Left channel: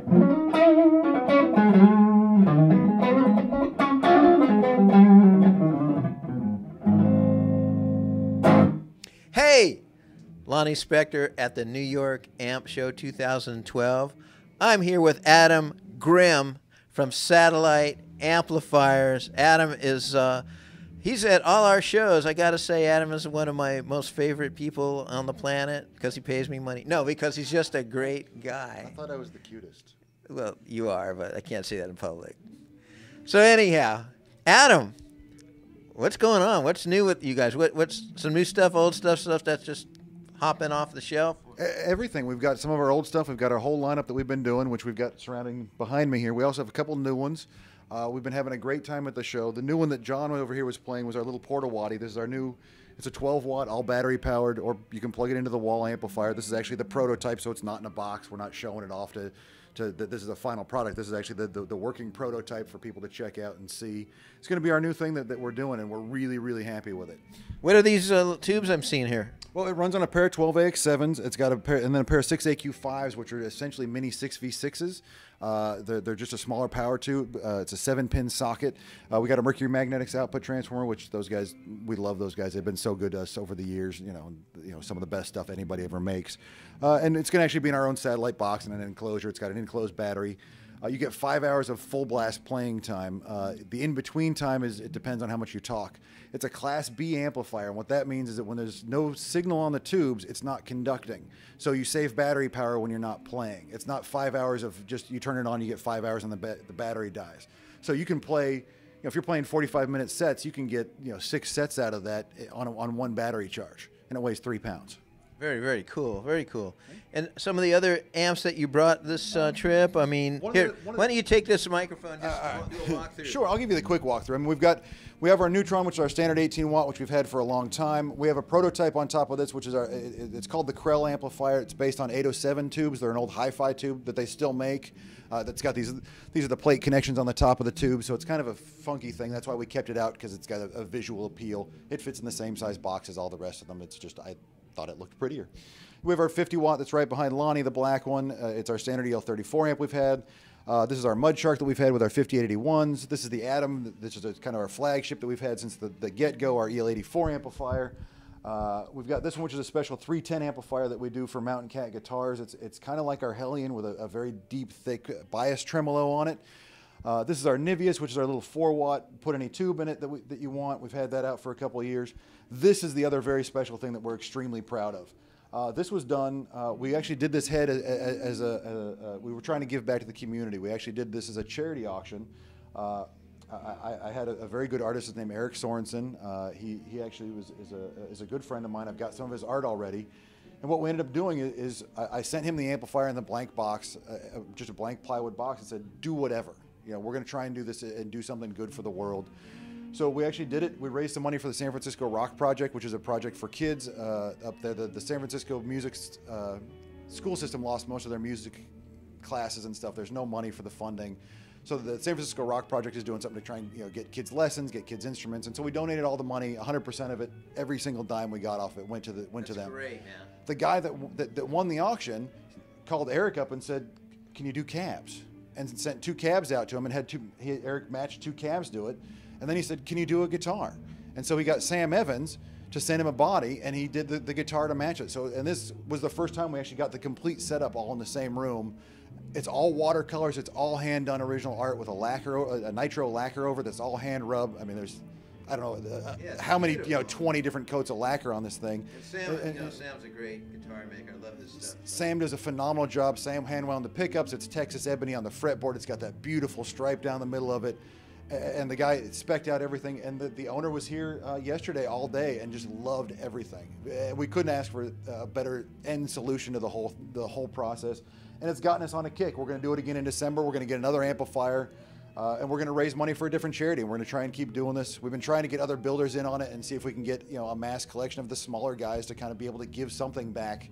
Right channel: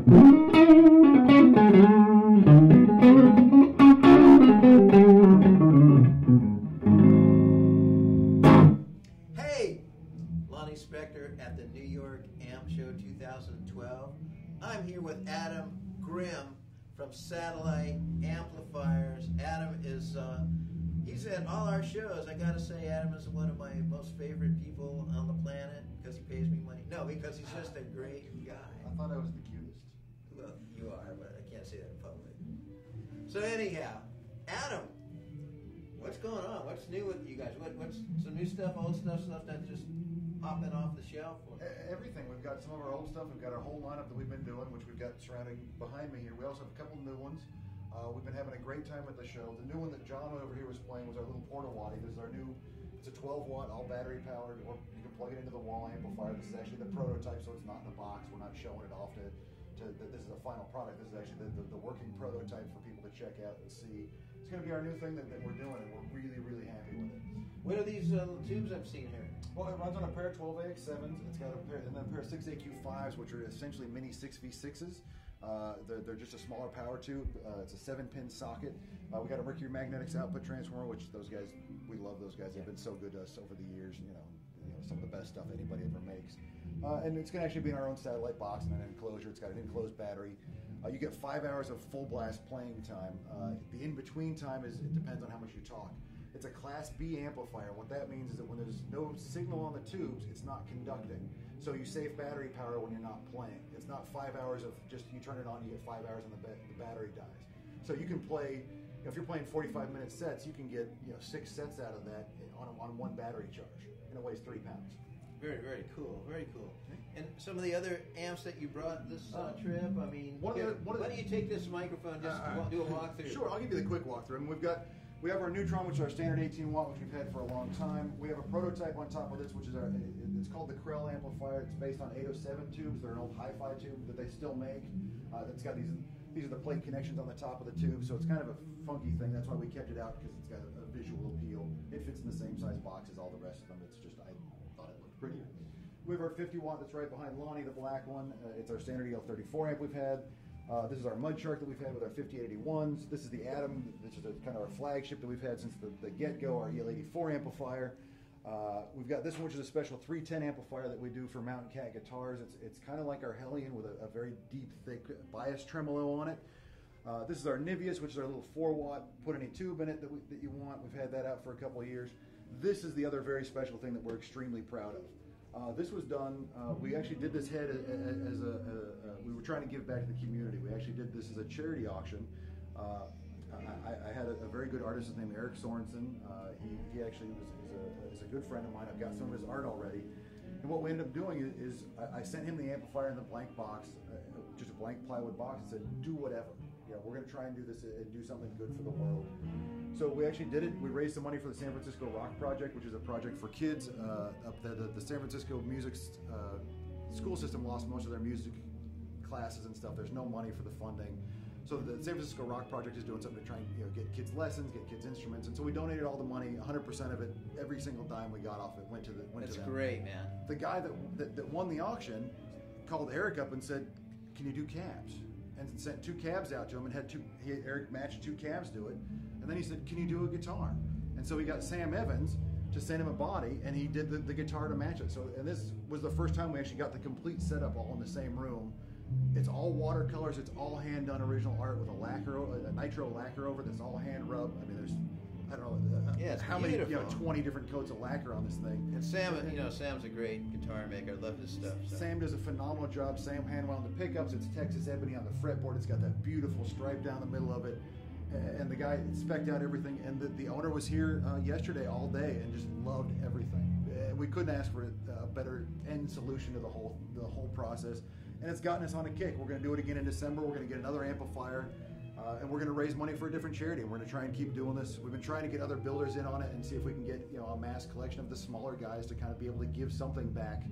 Hey, Lonnie Spector at the New York Amp Show 2012. I'm here with Adam Grimm from Satellite Amplifiers. Adam is, he's at all our shows. I gotta say, Adam is one of my most favorite people on the planet because he pays me money. No, because he's just a great guy. I thought I was the cutest. Well, you are, but I can't say that in public. So anyhow, Adam, what's going on? What's new with you guys? What's some new stuff, old stuff that's just hopping off the shelf? Everything. We've got some of our old stuff. We've got our whole lineup that we've been doing, which we've got surrounding behind me here. We also have a couple new ones. We've been having a great time at the show. The new one that John over here was playing was our little Portawatty. This is our new, it's a 12-watt, all battery powered, or you can plug it into the wall amplifier. This is actually the prototype, so it's not in a box. We're not showing it off to this is a final product. This is actually the working prototype for people to check out and see. It's going to be our new thing that we're doing, and we're really, really happy with it. What are these tubes I'm seeing here? Well, it runs on a pair of 12AX7s. It's got a pair, and then a pair of 6AQ5s, which are essentially mini 6V6s. They're just a smaller power tube. It's a 7-pin socket. We got a Mercury Magnetics output transformer, which those guys, we love those guys. They've been so good to us over the years. You know, some of the best stuff anybody ever makes. And it's going to actually be in our own satellite box and an enclosure. It's got an enclosed battery. You get 5 hours of full blast playing time. The in-between time it depends on how much you talk. It's a Class B amplifier, and what that means is that when there's no signal on the tubes, it's not conducting. So you save battery power when you're not playing. It's not 5 hours of just you turn it on, you get 5 hours, and the battery dies. So you can play, you know, if you're playing 45-minute sets, you can get 6 sets out of that on one battery charge, and it weighs 3 pounds. Very, very cool. Very cool. And some of the other amps that you brought this trip, I mean, here, why don't you take this microphone and just do a walkthrough? Sure, I'll give you the quick walkthrough. I mean, we have our Neutron, which is our standard 18-watt, which we've had for a long time. We have a prototype on top of this, which is it's called the Krell amplifier. It's based on 807 tubes. They're an old hi-fi tube that they still make. That's got these are the plate connections on the top of the tube, so it's kind of a funky thing. That's why we kept it out, because it's got a visual appeal. It fits in the same size box as all the rest of them. It's just, I thought it looked prettier. We have our 50-watt that's right behind Lonnie, the black one. It's our standard EL34 amp we've had. This is our Mud Shark that we've had with our 5881s. This is the Atom. This is kind of our flagship that we've had since the get-go, our EL84 amplifier. We've got this one, which is a special 310 amplifier that we do for Mountain Cat guitars. It's kind of like our Hellion with a very deep, thick bias tremolo on it. This is our Niveus, which is our little 4-watt, put any tube in it that you want. We've had that out for a couple of years. This is the other very special thing that we're extremely proud of. This was done, we actually did this head as we were trying to give back to the community. We actually did this as a charity auction. I had a very good artist named Eric Sorensen. He actually is a good friend of mine. I've got some of his art already. And what we ended up doing is I sent him the amplifier in the blank box, just a blank plywood box, and said, do whatever. You know, we're going to try and do this and do something good for the world. So we actually did it. We raised some money for the San Francisco Rock Project, which is a project for kids up there. The San Francisco music school system lost most of their music classes and stuff. There's no money for the funding. So the San Francisco Rock Project is doing something to try and get kids lessons, get kids instruments. And so we donated all the money, 100% of it, every single dime we got off it went to them. That's great, man. The guy that won the auction called Eric up and said, "Can you do cabs?" And sent 2 cabs out to him, and Eric matched 2 cabs to it. And then he said, "Can you do a guitar?" And so he got Sam Evans to send him a body, and he did the guitar to match it. So, and this was the first time we actually got the complete setup all in the same room. It's all watercolors. It's all hand done original art with a nitro lacquer over. That's all hand rub. I mean, there's, I don't know how many, 20 different coats of lacquer on this thing. And Sam's a great guitar maker. I love this stuff. Sam does a phenomenal job. Sam hand wound the pickups. It's Texas ebony on the fretboard. It's got that beautiful stripe down the middle of it. And the guy spec'd out everything, and the owner was here yesterday all day and just loved everything. We couldn't ask for a better end solution to the whole process, and it's gotten us on a kick. We're going to do it again in December. We're going to get another amplifier, and we're going to raise money for a different charity. We're going to try and keep doing this. We've been trying to get other builders in on it and see if we can get a mass collection of the smaller guys to kind of be able to give something back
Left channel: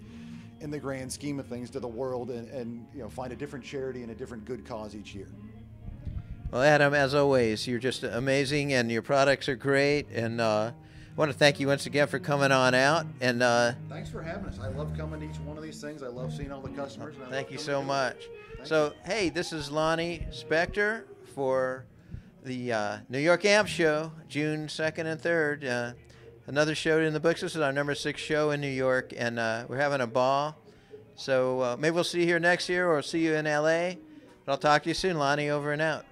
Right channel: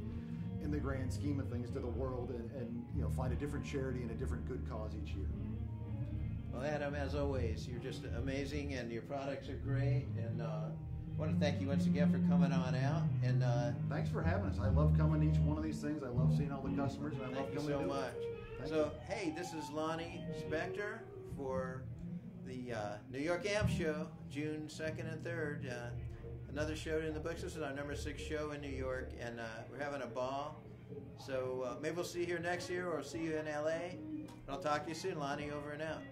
in the grand scheme of things to the world, and find a different charity and a different good cause each year. Well, Adam, as always, you're just amazing, and your products are great. And I want to thank you once again for coming on out. And thanks for having us. I love coming to each one of these things. I love seeing all the customers. Thank you so much. So, hey, this is Lonnie Spector for the New York Amp Show, June 2nd and 3rd. Another show in the books. This is our number 6 show in New York, and we're having a ball. So maybe we'll see you here next year or see you in L.A. But I'll talk to you soon, Lonnie. Over and out.